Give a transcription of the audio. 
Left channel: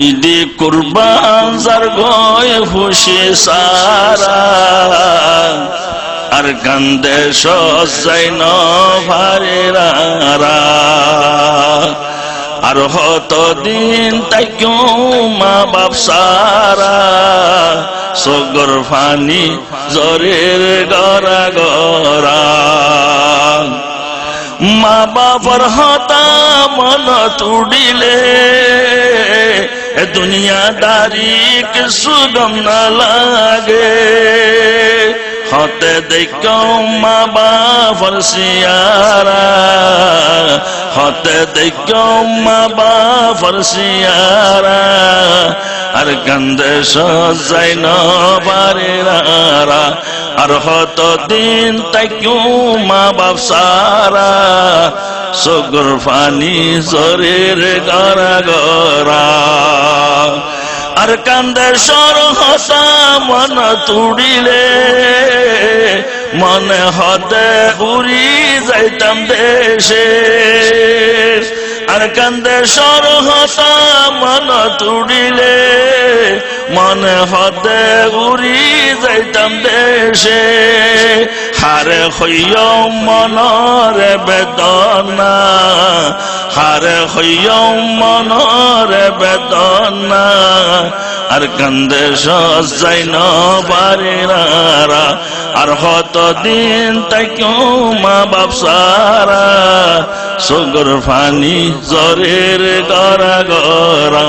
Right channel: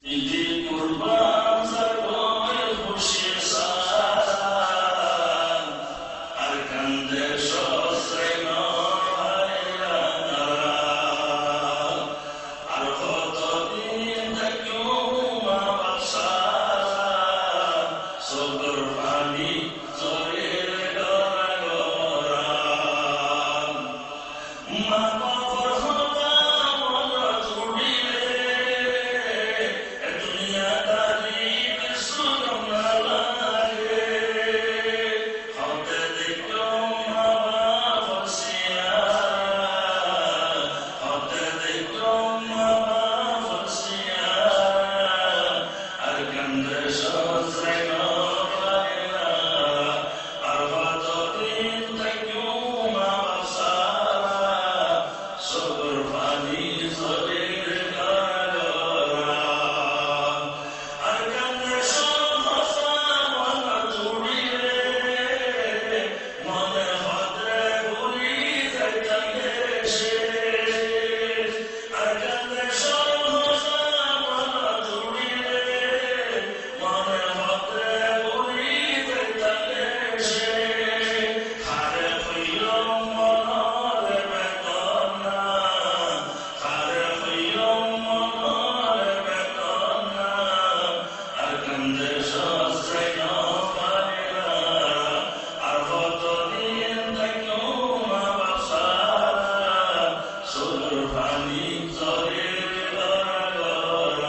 ঈদে কুরবান যার গয় খুশি সারা আর কান্দে সজাই নারা আর হত দিন তাই মা বাপ সারা সগর ফানি জরের গড়া গড়া মা বাবার হতা মন তুড়িলে দুনিয়াদারি কিছু গম না লাগে হতে দেখ মা বাবার সিয়ারা হতে দেখ মা বাবার সিয়ারা আর কান্দে সজাই নারা আর হত দিন তাই মা বাপ সারা সগর ফানি জরের গড়া গড়া আর কান্দে সর হতা মন তুড়িলে মনে হতে উড়ি যাইতাম দেশে আর কান্দে সর হতা মন তুড়িলে মনে হতে উড়ি যাইতাম দেশে হারে হইয় মনরে বেদনা হারে হইয় মনরে বেদনা আর কান্দে সজাই নারা আর হত দিন তাই মা বাপ সারা সগর ফানি জরের গড়া গড়া